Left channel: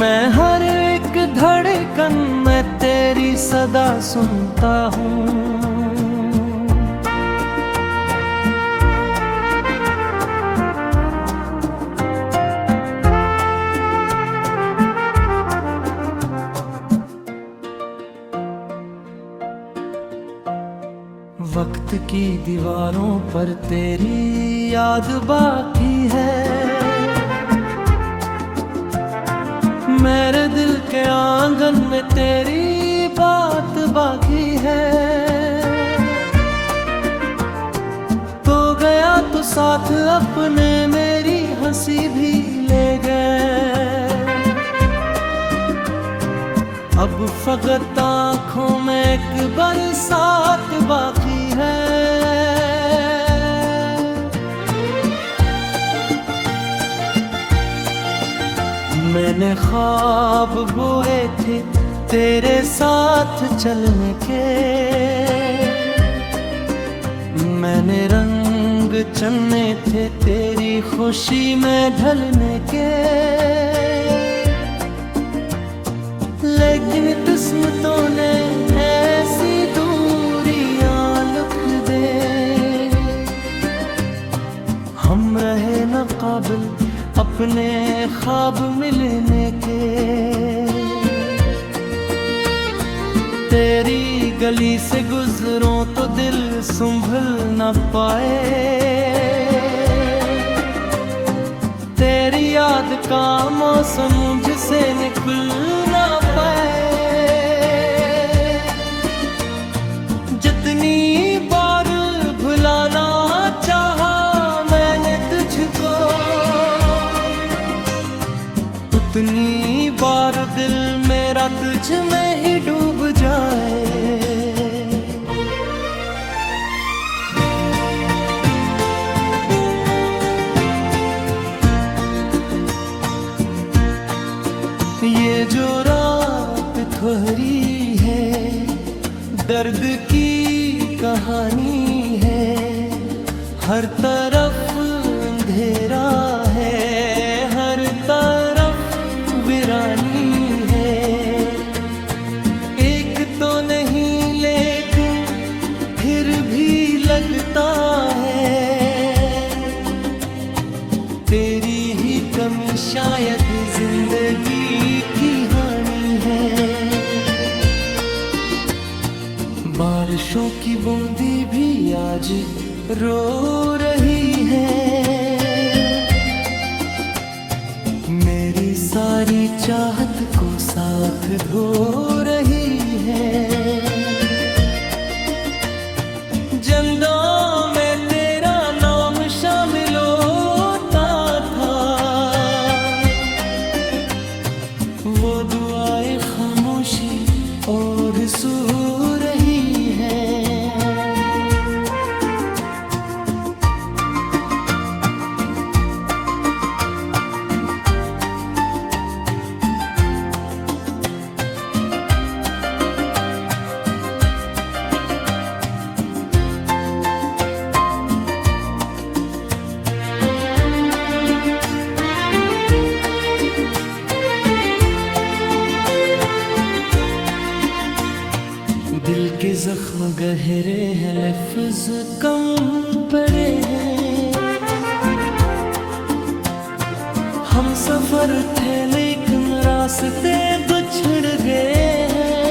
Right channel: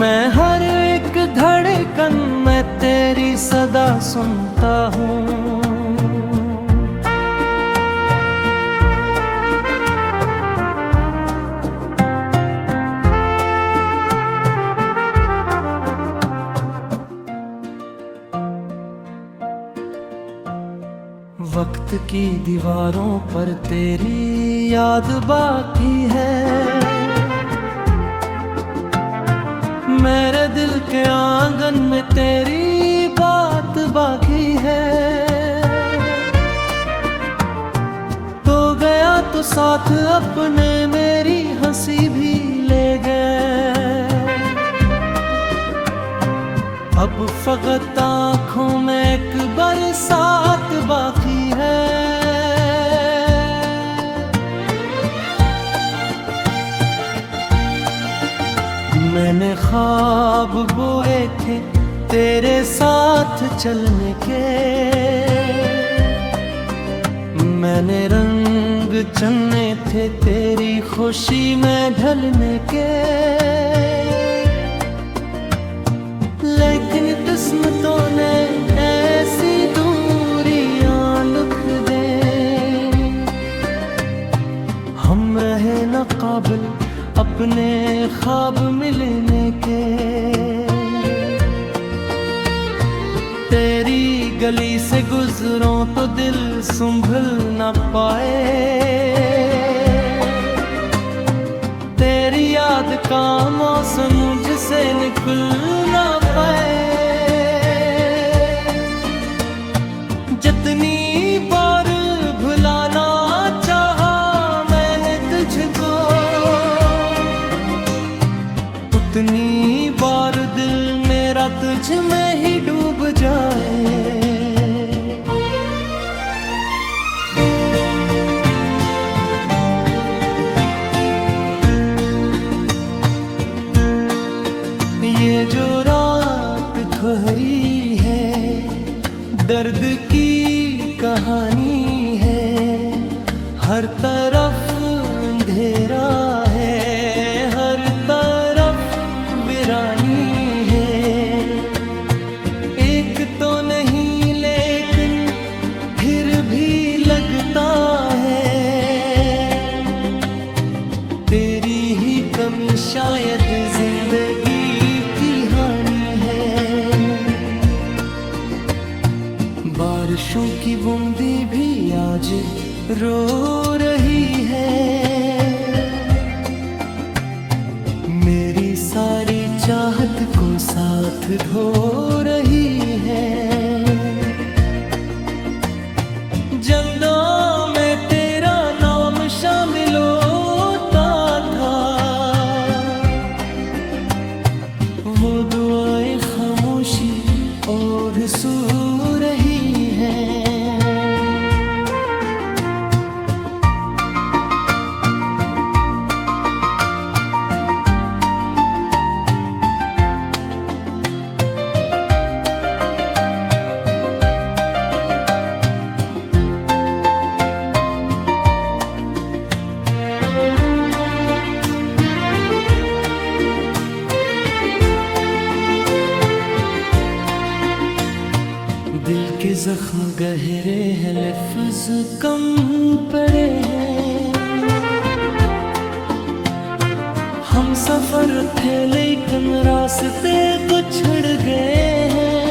मैं हर एक धड़कन में तेरी सदा सुनता हूँ। वक्त की दीवारों पर तेरी याद बाकी है, मेरे दिल के आंगन में तेरी बात बाकी है। तो गया तो साथ अपने मेरी हंसी भी ले गए, अब फकत आँखों में एक बरसात बाकी है। मैंने ख्वाब बोए थे तेरे साथ चलने के, मैंने रंग चुने थे तेरी खुशी में ढलने के, लेकिन किस्मतों ने ऐसी दूरियां लिख दे, हम रहे न काबिल अपने ख्वाब मिलने के। तेरी गली से गुजरों तो दिल संभल न पाए, तेरी याद का मौसम मुझसे निकल ना पाए। जितनी बार भुलाना चाहा मैंने तुझको, उतनी बार दिल मेरा तुझ में ही डूब जाए। ये जो रात ठहरी है दर्द की कहानी है, हर तरफ अंधेरा है, हर तरफ वीरानी है। एक तो नहीं लेकिन फिर भी लगता है, तेरी ही कमी शायद जिंदगी की हानि है। बारिशों की बूंदी भी आज रो रही है, मेरी सारी चाहत को साथ धो रही है। जंदों में तेरा नाम शामिल होता था, वो दुआएं खामोशी और सू रही है। दिल के जख्म गहरे हैं, लफ्ज कम पड़े हैं। हम सफर थे लेकिन रास्ते बिछड़ गए हैं।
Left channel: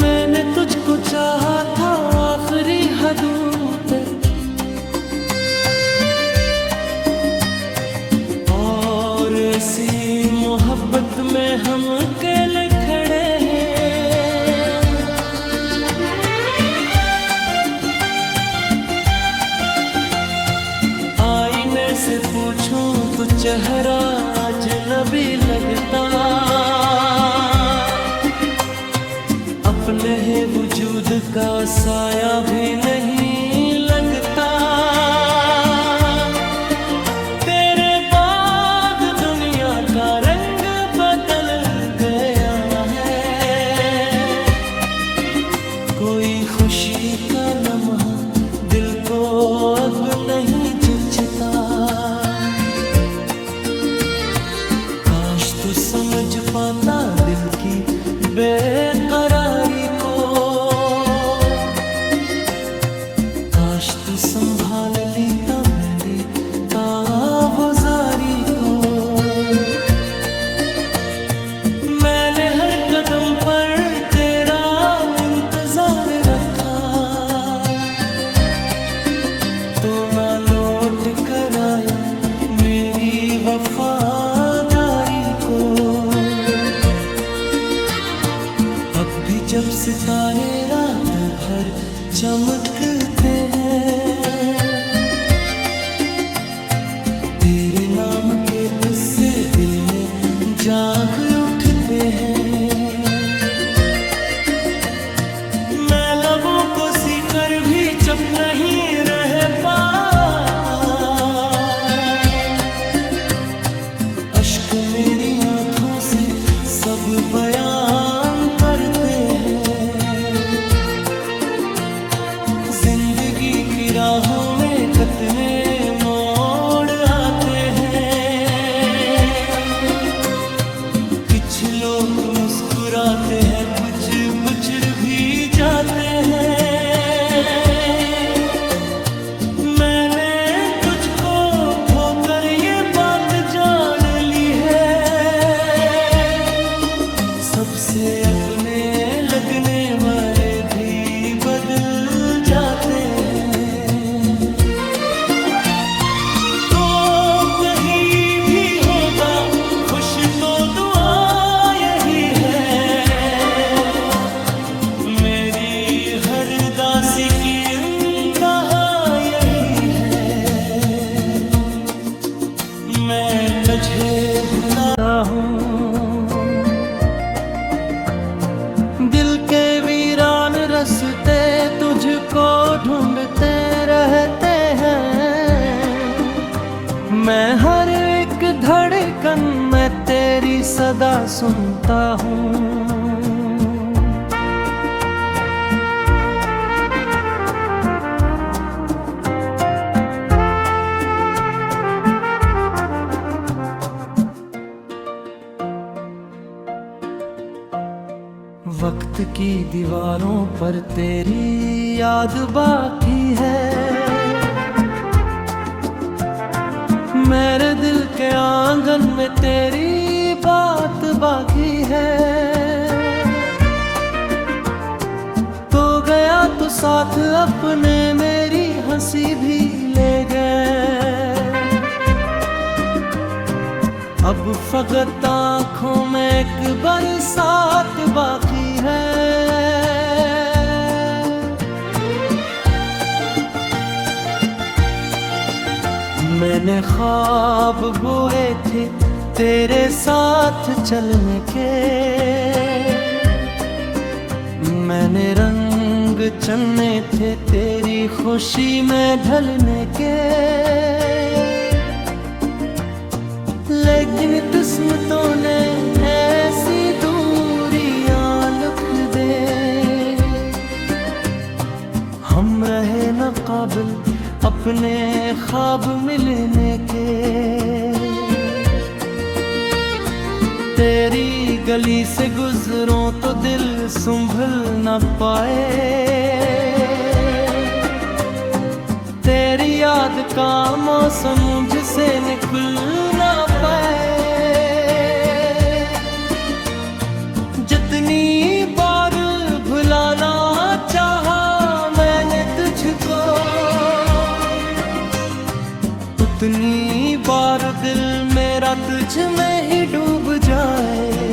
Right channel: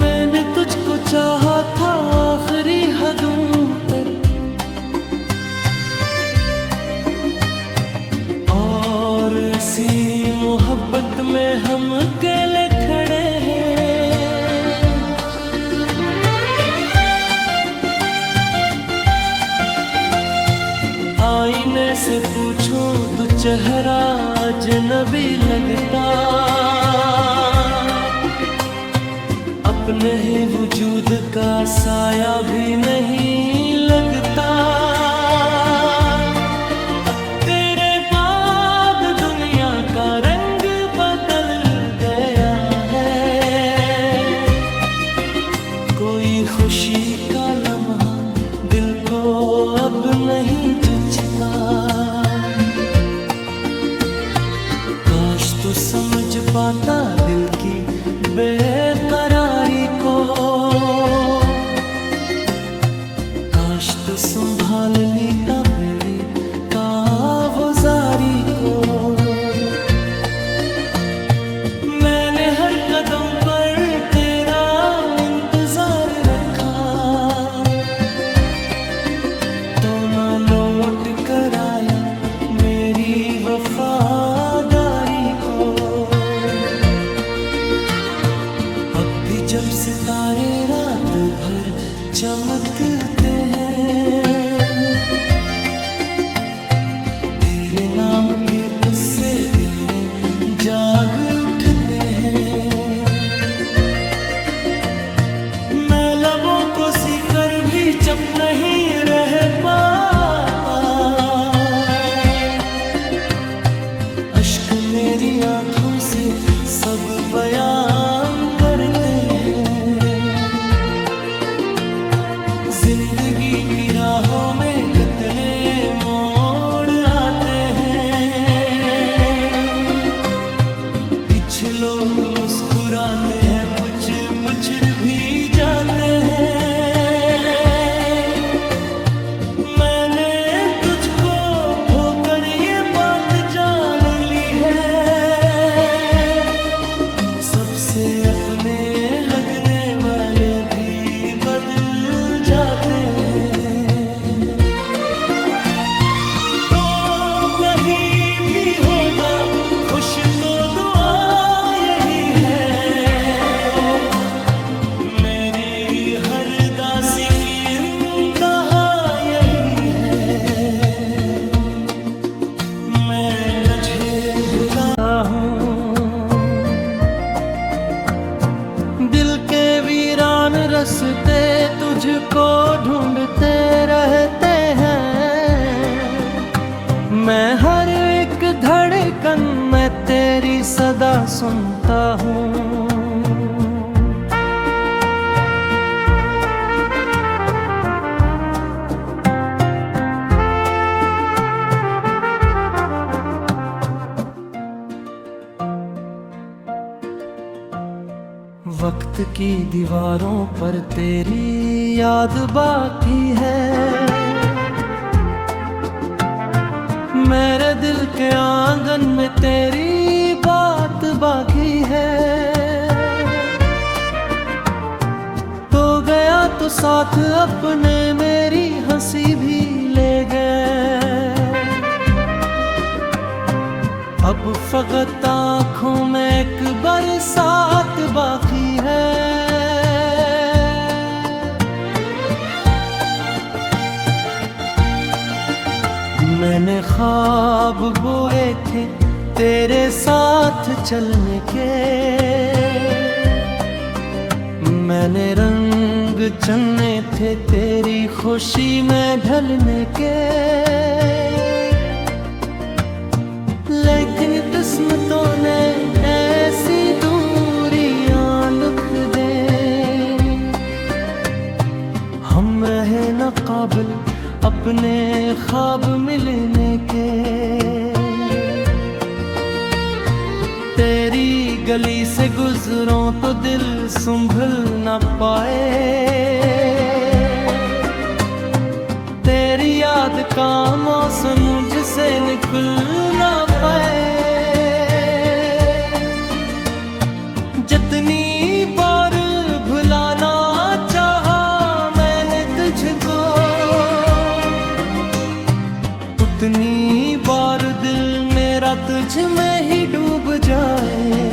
मैंने तुझको चाहा था आखिरी हदों पे, और ऐसी मोहब्बत में हम अकेले खड़े हैं। आईने से पूछूं तो चेहरा अजनबी लगता, अपने ही वजूद का साया भी नहीं लगता। तेरे बाद दुनिया का रंग बदल गया है, कोई खुशी का लम्हा दिल को अब नहीं जुचता। तू समझ पाता दिल की बेकरारी को, काश तू संभाल लेता मेरी काबुजारी को। मैंने हर कदम पर तेरा इंतजार रखा, तो ना लौट कर आया मेरी वफादारी को। अब भी जब सितारे रात भर चमकते हैं, तेरे नाम के इससे दिल में जाग उठते हैं। मैं लबों को सीकर भी चुप नहीं रह पाता, अश्क मेरी आंखों से सब बयान करते हैं। जिंदगी की राहों में कितने मोड़ आते हैं, कुछ लोग मुस्कुराते हैं, कुछ बिछड़ भी जाते हैं। मैंने तुझको खोकर ये बात जान ली है, सबसे अपने लगने वाले भी बदल जाते हैं। तो कहीं भी होगा खुश तो दुआ यही है, मेरी हर दासी की इंतहा यही है। मैं तुझे भुलाता हूँ, दिल के वीरान रास्ते तुझको ढूंढते रहते हैं। मैं हर एक धड़कन में तेरी सदा सुनता हूँ। वक्त की दीवारों पर तेरी याद बाकी है, मेरे दिल के आंगन में तेरी बात बाकी है। तो गया तो साथ अपने मेरी हंसी भी ले गए, अब फकत आँखों में एक बरसात बाकी है। मैंने ख्वाब बोए थे तेरे साथ चलने के, मैंने रंग चुने थे तेरी खुशी में ढलने के। लेकिन किस्मतों ने ऐसी दूरियां लिख दे, हम रहे न काबिल अपने ख्वाब मिलने के। तेरी गली से गुजरूं तो दिल संभल न पाए, तेरी याद का मौसम मुझसे निकल ना पाए। जितनी बार भुलाना चाहा मैंने तुझको, उतनी बार दिल मेरा तुझ में ही डूब जाए।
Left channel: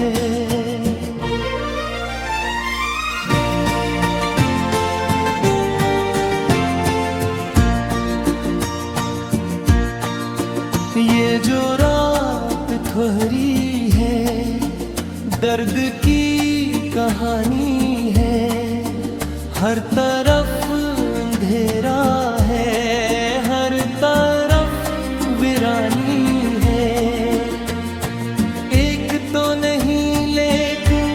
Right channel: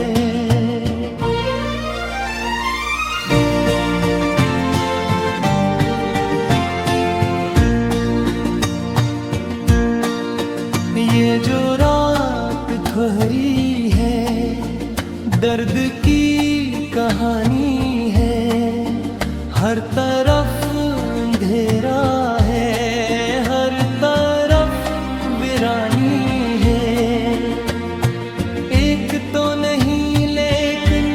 ये जो रात ठहरी है दर्द की कहानी है, हर तरफ अंधेरा है, हर तरफ वीरानी है। एक तो नहीं लेकिन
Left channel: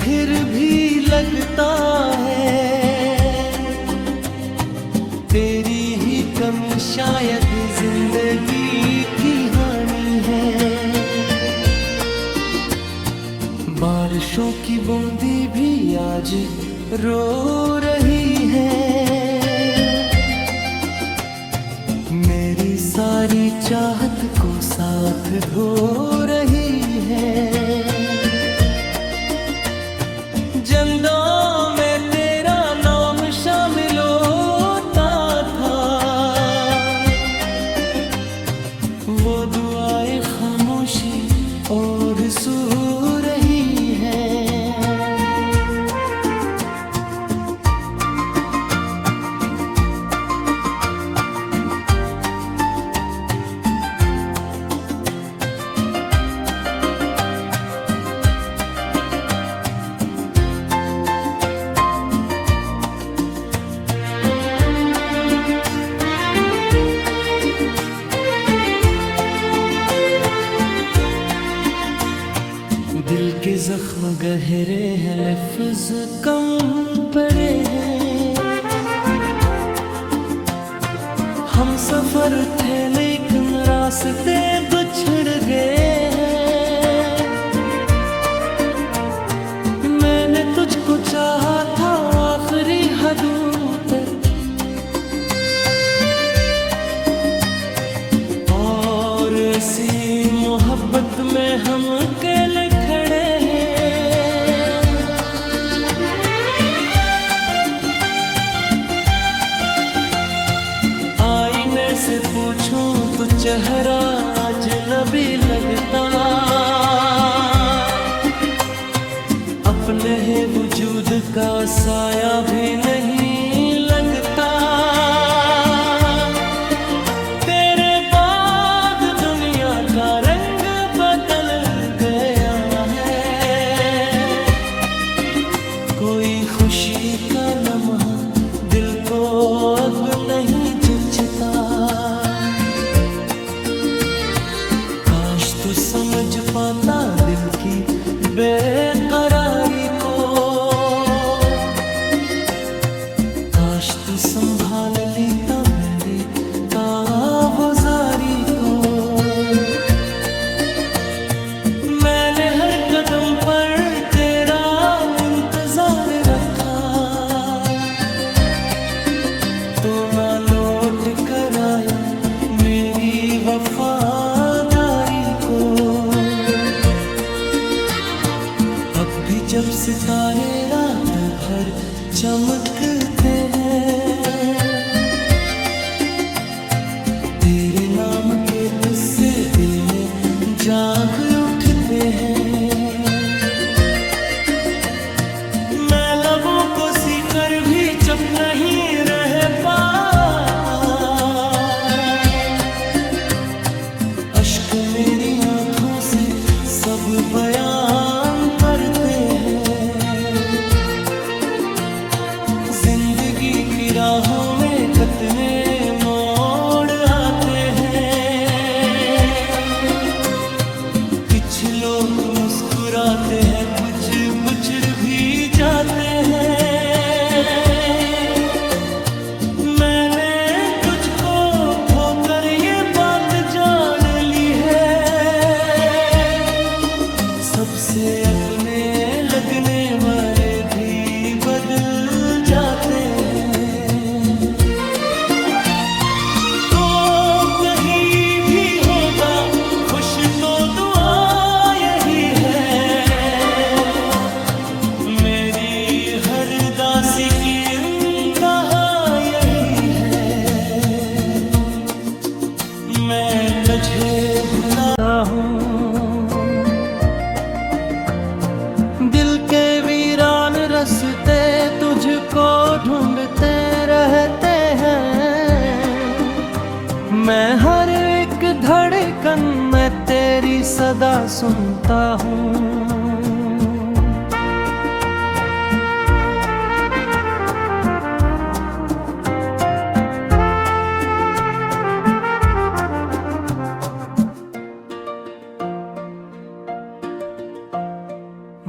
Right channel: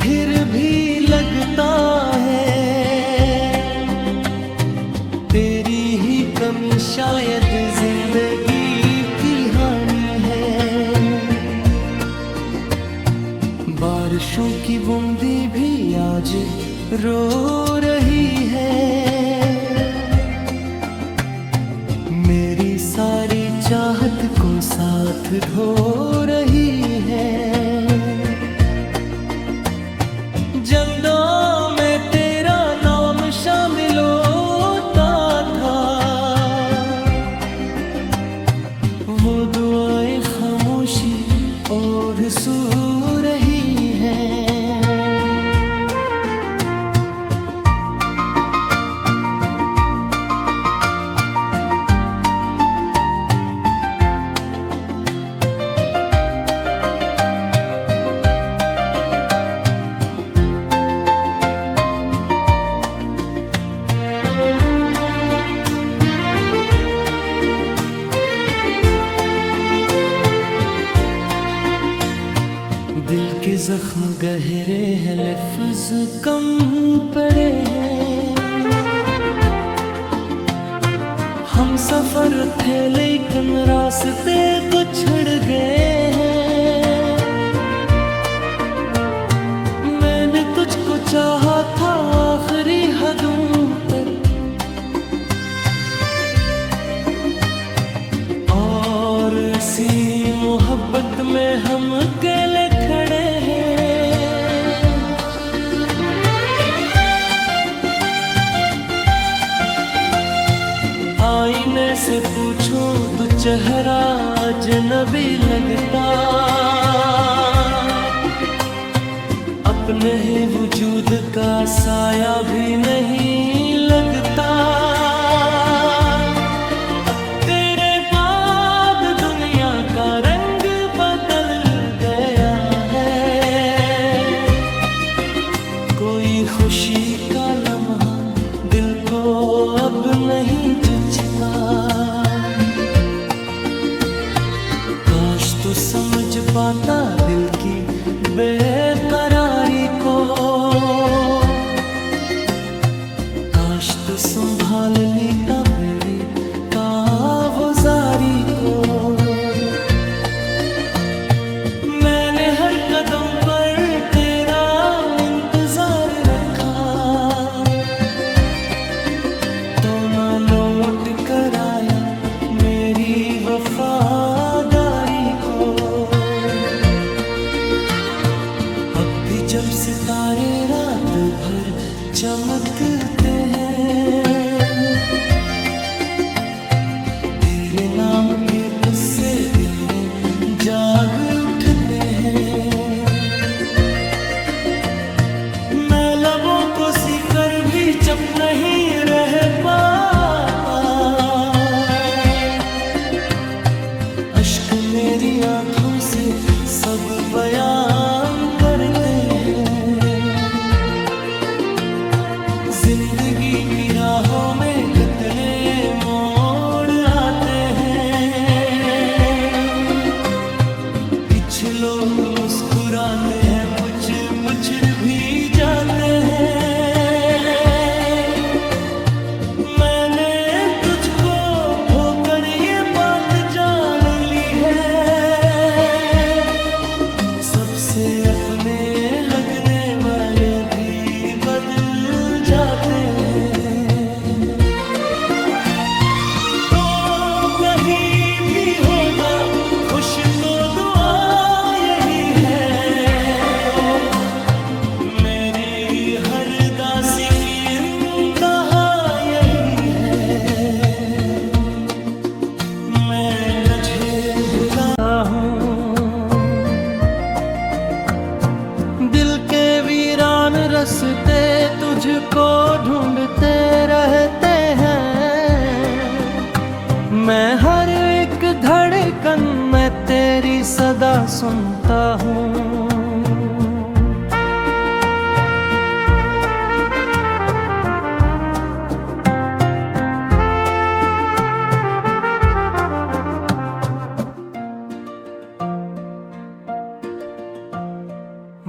फिर भी लगता है, तेरी ही कमी शायद जिंदगी की हानि है। बारिशों की बूंदी भी आज रो रही है। मेरी सारी चाहत को साथ धो रही है। जंदों में तेरा नाम शामिल होता था, वो दुआएं खामोशी और सू रही है। दिल के जख्म गहरे हैं, लफ्ज कम पड़े हैं। हम सफर थे लेकिन रास्ते बिछड़ गए हैं। मैंने तुझको चाहा था आखिरी हदों तक, और ऐसी मोहब्बत में हम अकेले खड़े हैं। आईने से पूछूं तो चेहरा अजनबी लगता, अपने ही वजूद का साया भी नहीं लगता। तेरे बाद दुनिया का रंग बदल गया है। कोई खुशी का लम्हा दिल को अब नहीं जुचता। काश तू समझ पाता दिल की बेकरारी को, काश तू संभाल लेता मेरी कावजारी को। मैंने हर कदम पर तेरा इंतजार रखा, तो ना लौट कर आया मेरी वफादारी को। अब भी जब सितारे रात भर चमकते हैं, तेरे नाम के इससे दिल में जाग उठते हैं। मैं लबों को सीकर भी चुप नहीं रह पाता, अश्क मेरी आंखों से सब बयान करते हैं। जिंदगी की राहों में कितने मोड़ आते हैं। कुछ लोग मुस्कुराते हैं, कुछ बिछड़ भी जाते हैं। मैंने तुझको खोकर ये बात जान ली है, सबसे अपने लगने वाले भी बदल जाते हैं। तो कहीं भी होगा खुश तो दुआ यही है, मेरी हर दासी की इंतहा यही है। मैं तुझे भुलाता हूँ, दिल के वीरान रास्ते तुझको ढूंढते रहते हैं। मैं हर एक धड़कन में तेरी सदा सुनता हूँ।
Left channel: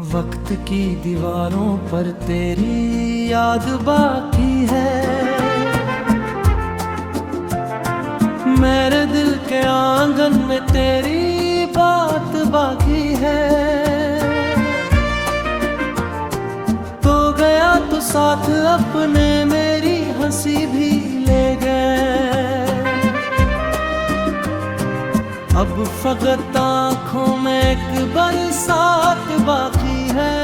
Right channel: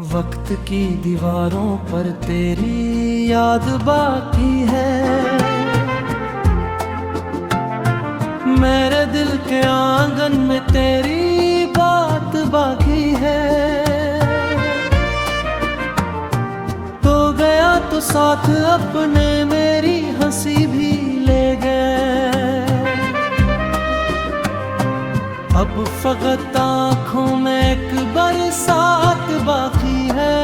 वक्त की दीवारों पर तेरी याद बाकी है, मेरे दिल के आंगन में तेरी बात बाकी है। तो साथ अपने मेरी हंसी भी ले गए। अब फकत आँखों में एक बरसात बाकी है।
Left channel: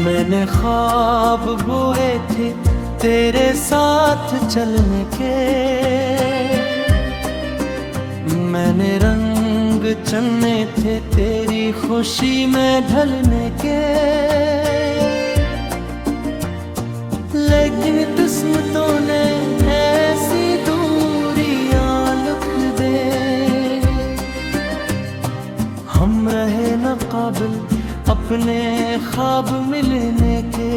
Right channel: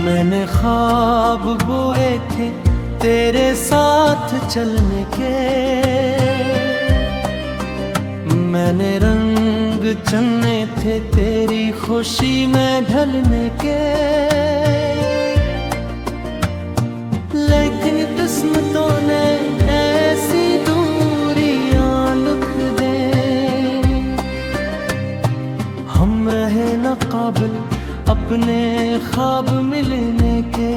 मैंने ख्वाब बोए थे तेरे साथ चलने के, मैंने रंग चुने थे तेरी खुशी में ढलने के। लेकिन किस्मतों ने ऐसी दूरियां लिख दे, हम रहे न काबिल अपने ख्वाब मिलने के।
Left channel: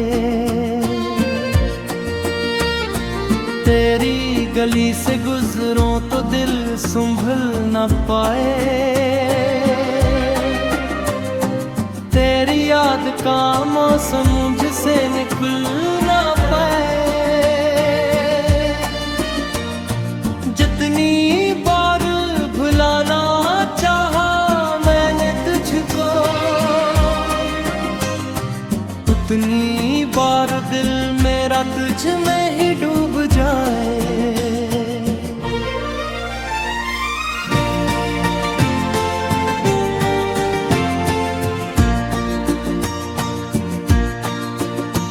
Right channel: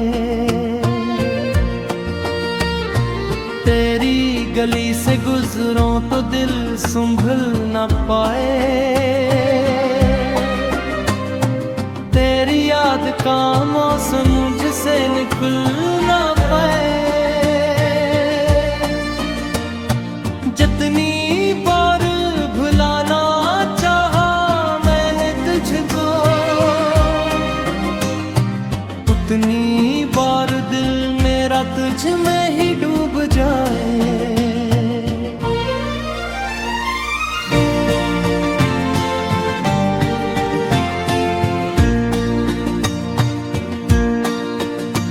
तेरी गली से गुजरों तो दिल संभल न पाए, तेरी याद का मौसम मुझसे निकल न पाए। जितनी बार भुलाना चाहा मैंने तुझको, उतनी बार दिल मेरा तुझ में ही डूब जाए।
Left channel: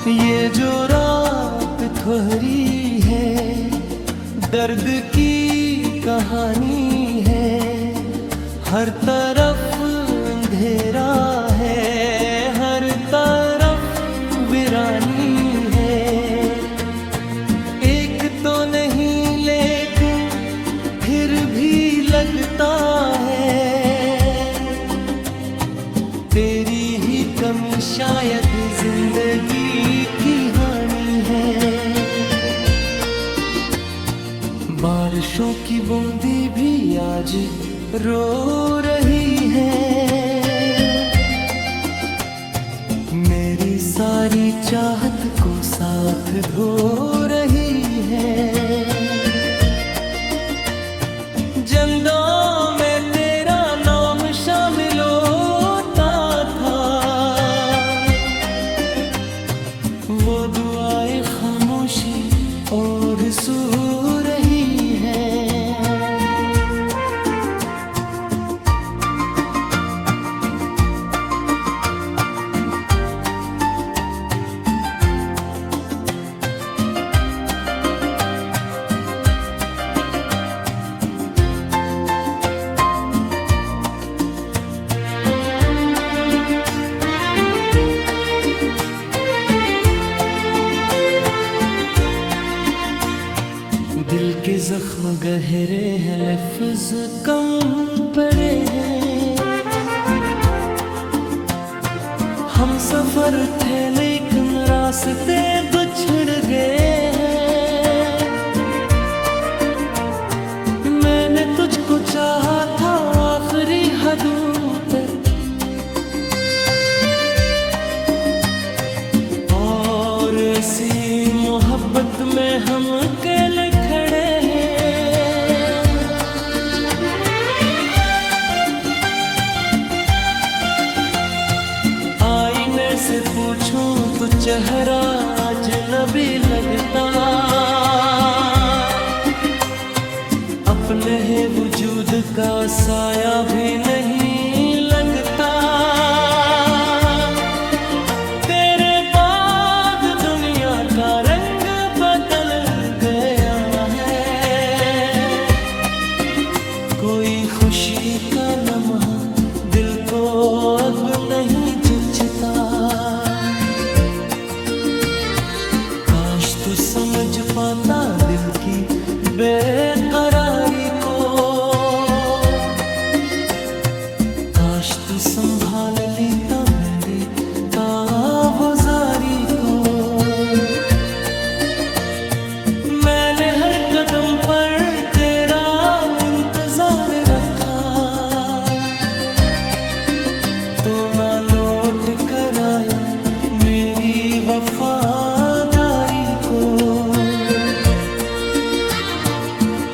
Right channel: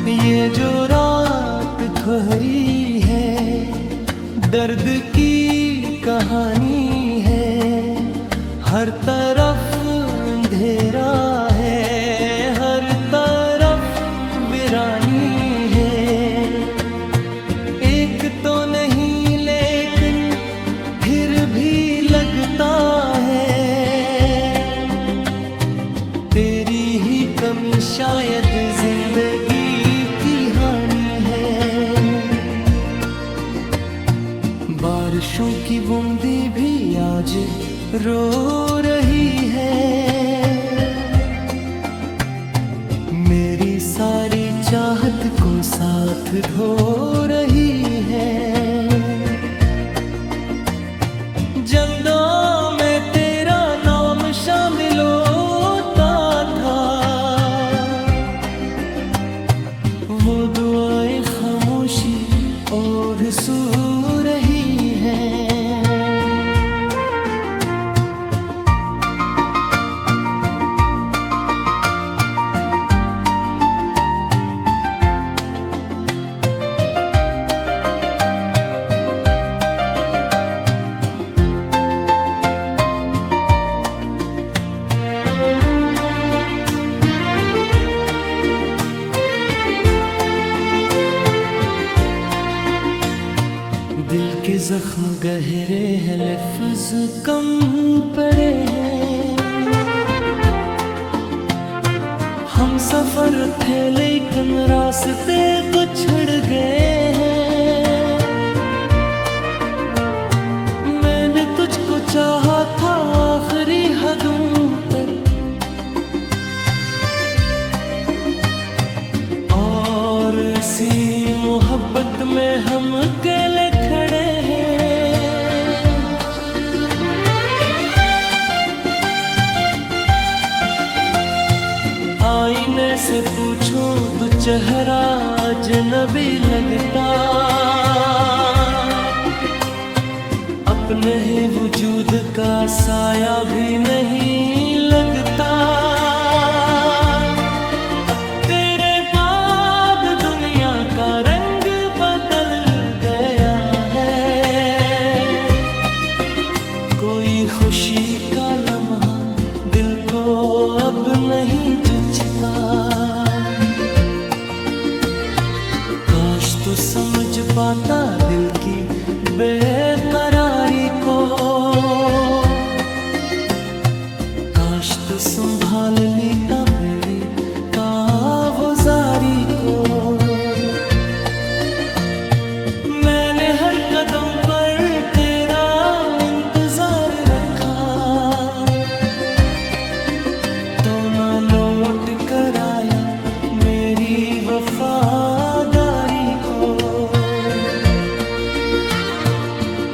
ये जो रात ठहरी है दर्द की कहानी है, हर तरफ अंधेरा है, हर तरफ वीरानी है। एक तो नहीं लेकिन फिर भी लगता है, तेरी ही कमी शायद जिंदगी की हानि है। बारिशों की बूंदी भी आज रो रही है, मेरी सारी चाहत को साथ धो रही है। जंदों में तेरा नाम शामिल होता था, वो दुआएं खामोशी और सू रही है। दिल के जख्म गहरे हैं, लफ्ज़ कम पड़े हैं। हम सफर थे लेकिन रास्ते बिछड़ गए हैं। मैंने तुझको चाहा था आखिरी हदों तक, और ऐसी मोहब्बत में हम अकेले खड़े हैं। आईने से पूछूं तो चेहरा अजनबी लगता, अपने ही वजूद का साया भी नहीं लगता। तेरे बाद दुनिया का रंग बदल गया है, कोई खुशी का लम्हा दिल को अब नहीं जुचता। काश तू समझ पाता दिल की बेकरारी को, काश तू संभाल लेता मेरी कावजारी को। मैंने हर कदम पर तेरा इंतजार रखा, तो ना लौट कर आया मेरी वफादारी को।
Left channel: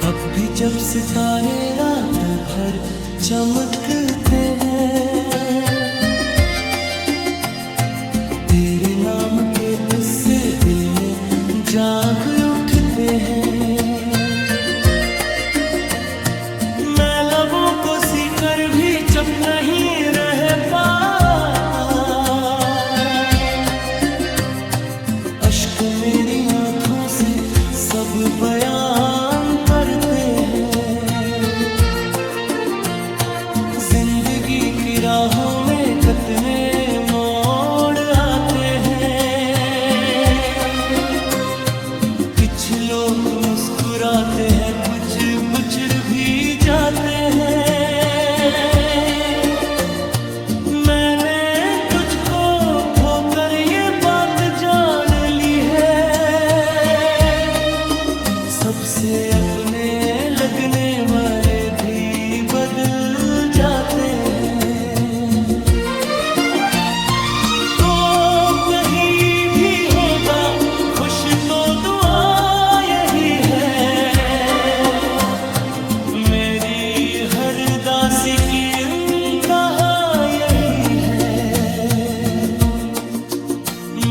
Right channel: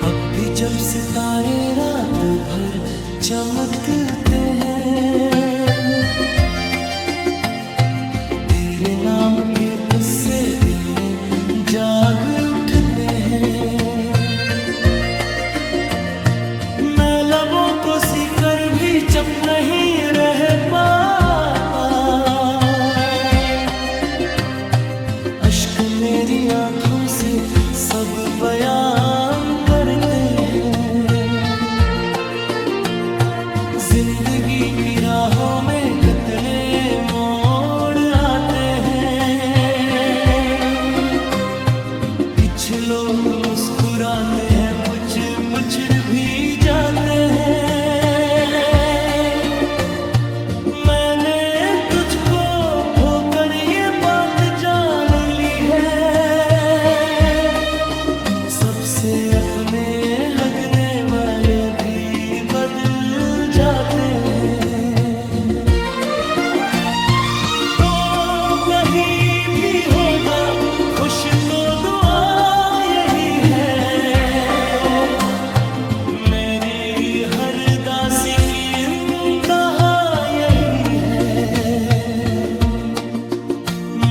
अब भी जब सितारे रात भर चमकते हैं। तेरे नाम के इससे दिल में जाग उठते हैं। मैं लबों को सीकर भी चुप नहीं रह पाता। अश्क मेरी आंखों से सब बयान करते हैं। जिंदगी की राहों में कितने मोड़ आते हैं। कुछ लोग मुस्कुराते हैं, कुछ बिछड़ भी जाते हैं। मैंने तुझको खोकर ये बात जान ली है। सबसे अपने लगने वाले भी बदल जाते हैं। तो कहीं भी होगा खुश तो दुआ यही है। मेरी हर दासी की इंतहा यही है।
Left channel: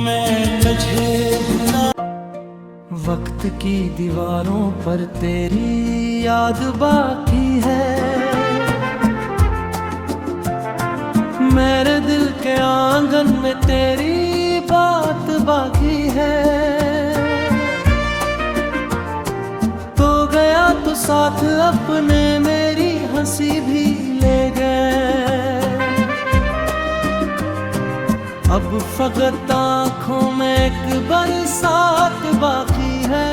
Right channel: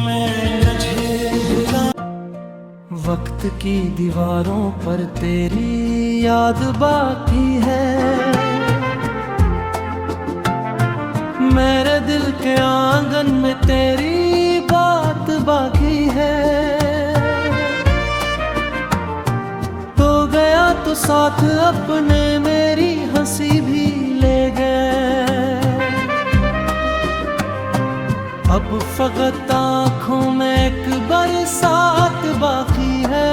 मैं तुझे भुला। वक्त की दीवारों पर तेरी याद बाकी है। मेरे दिल के आंगन में तेरी बात बाकी है। तो गया तो साथ अपने मेरी हंसी भी ले गए। अब फकत आँखों में एक बरसात बाकी है।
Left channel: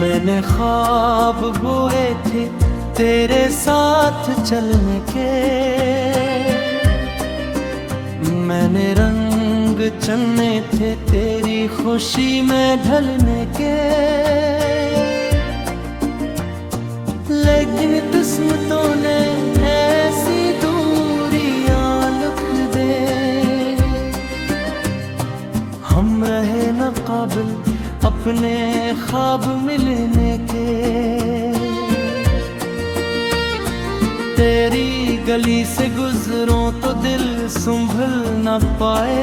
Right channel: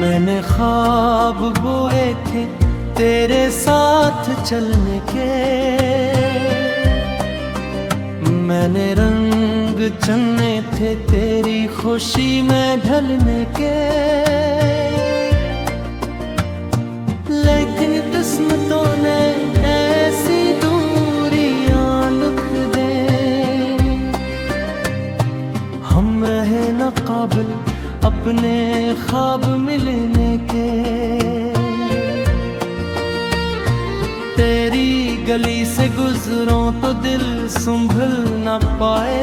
मैंने ख्वाब बोए थे तेरे साथ चलने के। मैंने रंग चुने थे तेरी खुशी में ढलने के। लेकिन किस्मतों ने ऐसी दूरियां लिख दे। हम रहे न काबिल अपने ख्वाब मिलने के। तेरी गली से गुजरूं तो दिल संभल न पाए।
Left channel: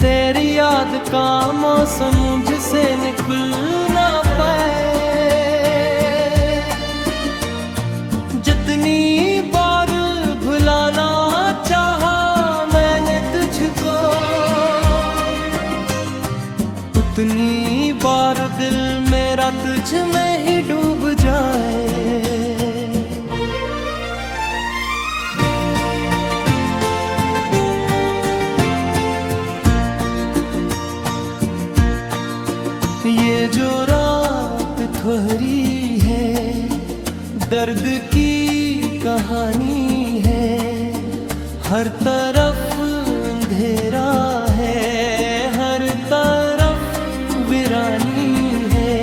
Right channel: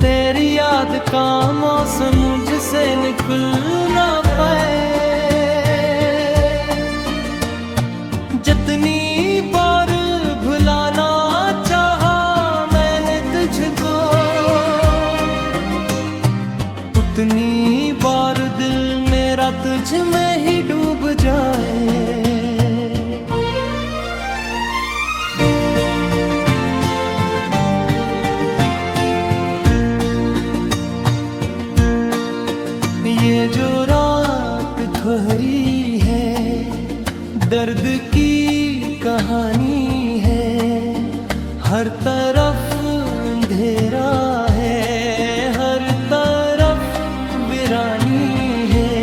तेरी याद का मौसम मुझसे निकल ना पाए। जितनी बार भुलाना चाहा मैंने तुझको, उतनी बार दिल मेरा तुझ में ही डूब जाए। ये जो रात ठहरी है दर्द की कहानी है। हर तरफ अंधेरा है, हर तरफ वीरानी है।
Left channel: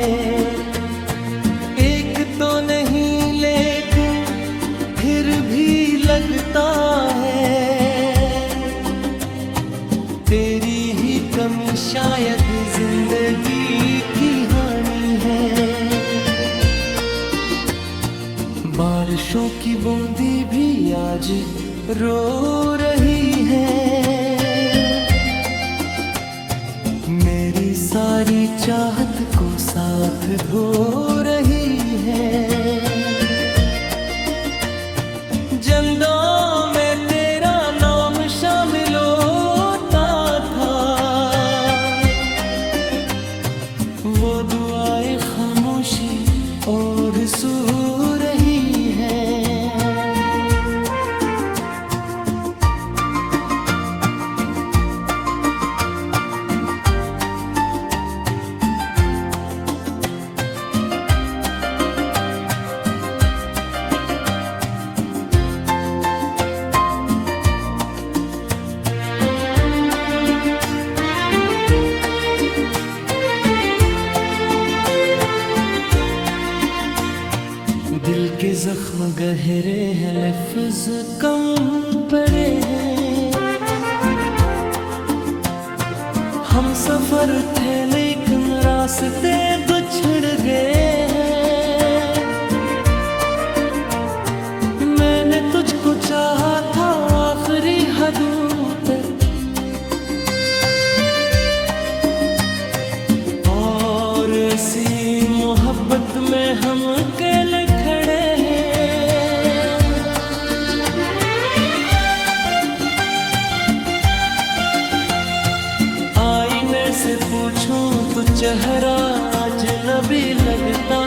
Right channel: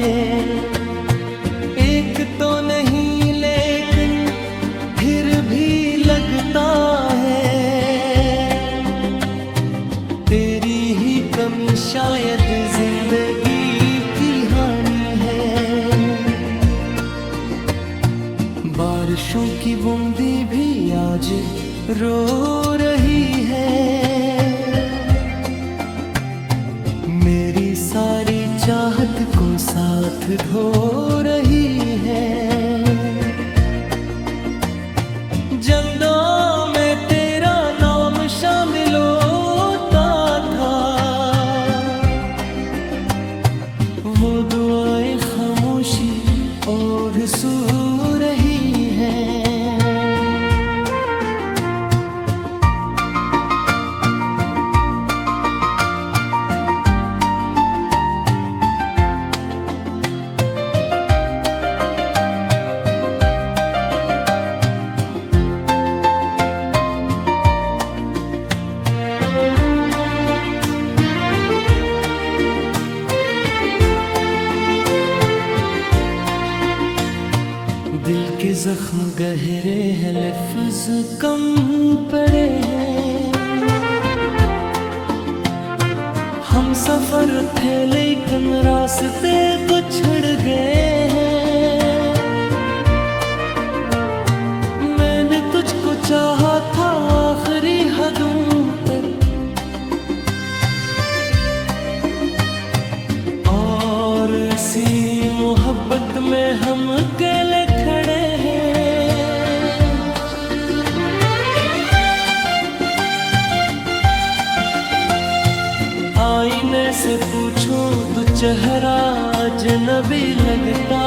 एक तो नहीं लेकिन फिर भी लगता है तेरी ही कमी शायद जिंदगी की हानि है। बारिशों की बूंदी भी आज रो रही है। मेरी सारी चाहत को साथ धो रही है। जंदों में तेरा नाम शामिल होता था। वो दुआएं खामोशी और सो रही है। दिल के जख्म गहरे हैं, लफ्ज कम पड़े हैं। हम सफर थे लेकिन रास्ते बिछड़ गए हैं। मैंने तुझको चाहा था आखिरी हदों पे, और ऐसी मोहब्बत में हम अकेले खड़े हैं। आईने से पूछूं तो चेहरा अजनबी लगता,